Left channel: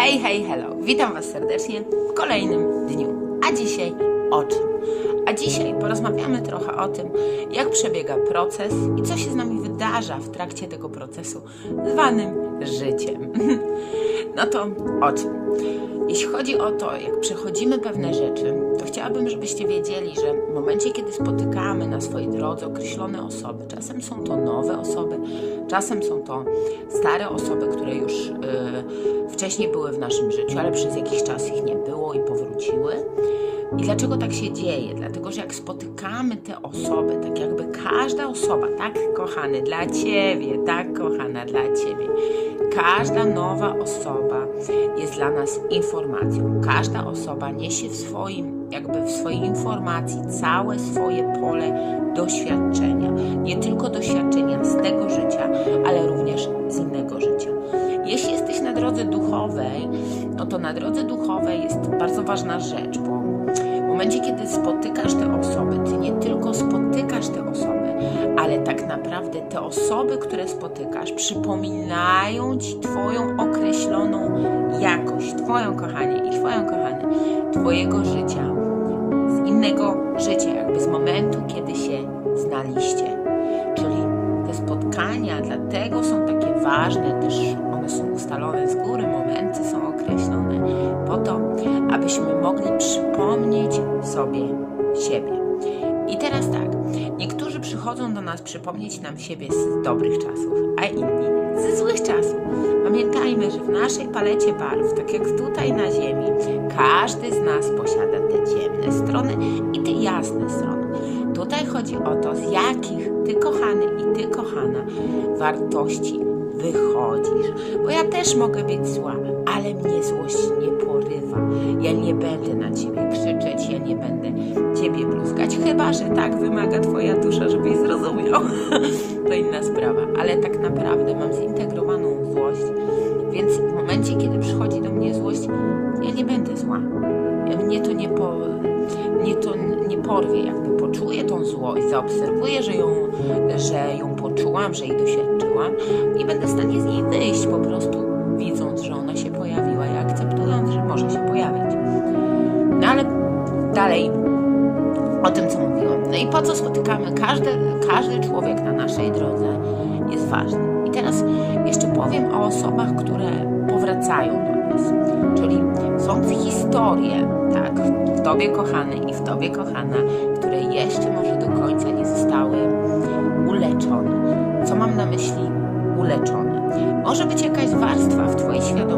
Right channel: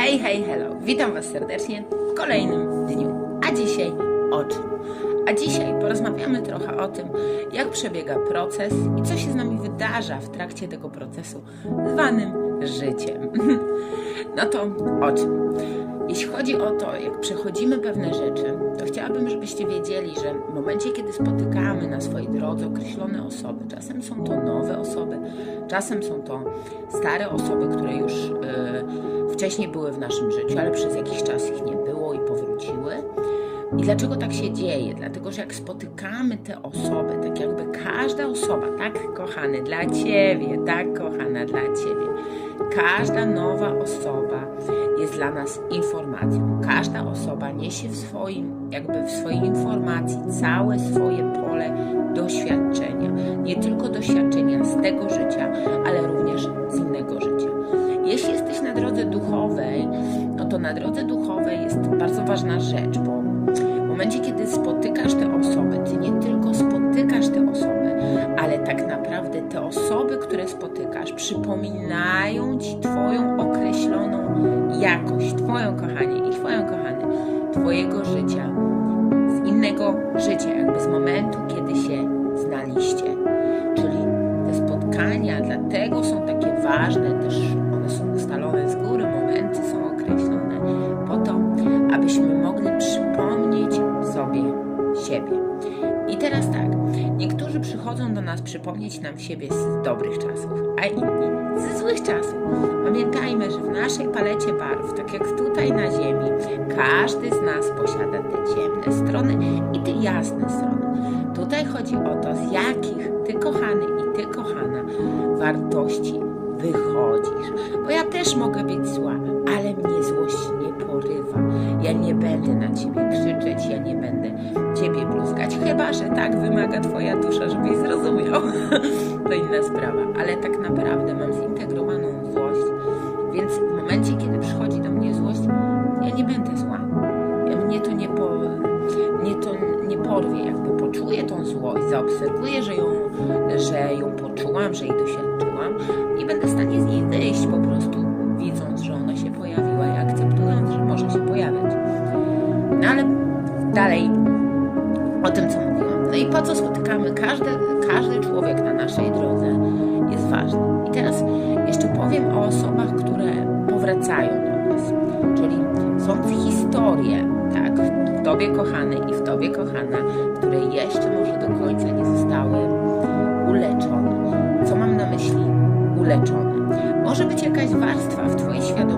Hej, hej, hello. Witam Was serdecznie w kolejnym dniu. A dzisiaj o czym? A dzisiaj porozmawiamy trochę o tym, jak przebiega proces i co się z nami wydarza w trakcie tego procesu zwanym życiem. No to o czym? Jeśli chodzi o to, jak przechodzimy pewne rzeczy, to chciałabym, żebyście wiedzieli, że w momencie, kiedy spotykamy na swojej drodze określone osoby, czasem są to nowe osoby, czasem są to stare osoby, które już y, wcześniej były w naszym życiu, ale przez jakiś czas ich nie było i powróciły. I dlaczego tak się dzieje? Dlatego, że jak spotykamy te osoby, tak jakby każda osoba, tak kochany dla Ciebie, tak kochana dla Ciebie, każda nowa osoba jest dla nas informacją. Każda osoba niesie w swoim, jakby w swojej informacji całe swoje pole doświadczenia. Nie tylko doświadczenia z tego życia, ale również z innego życia. Jeśli jesteś na drodze duchowej, no to na drodze duchowej jest bardzo ważna rzecz, bo w momencie, kiedy spotykasz te osoby, ty nie tylko osoby, które spotykasz, przypominają ci Twoją określoną jakość, Twoją kochanie i Twoją kochany, Twojego życia, z innego życia, jakby z momentu, kiedy się znaliście. Czyli te spotkania dlatego są takie ważne, też one są ustalone z góry, momenty są określone po to, abyśmy mogli przypomnieć sobie siebie. I teraz tak, niektórzy przychodzą do nas przypomnieć nam siebie z dobrych czasów, a inni ze złych czasów. Pamiętajmy, że w naszej palecie barw, tak jak tutaj na Ziemi, każdy z nas posiada te ciemne strony i te jasne strony. Tutaj chodzi o to, z jakich ty, kochany i ty, kochana, wartości wychodzisz. Bo ja też mogę być zła, ale mnie złość nie porywa. Ja nie będę na ciebie chyba że tak wymaga twoja dusza, żebyś zrozumiał. to inna sprawa, ale tak naprawdę mam zintegrowaną złość, więc w momencie, kiedy przychodzi do mnie złość, ja nie będę zła. Mnie to nie, po, mnie to nie porwie, jakby poczuję tą złość, zaobserwuję, że ją, że ją poczułam, że jej doświadczyłam i będę w stanie z niej wyjść po prostu, widząc, że ona się pojawiła i akceptując, że może się pojawiać. No ale dalej o tym, co mówiłam. No i po co spotykamy? Każdy, każdy człowiek na naszej drodze jest ważny. I teraz jeszcze powiem o osobach, które powracają do nas. Czyli są historie, tak, w Tobie kochany i w Tobie kochana, które jeszcze może do końca nie zostały uleczone. Co mam na myśli uleczone? Może być jakaś warstwa w Twojej świadomości,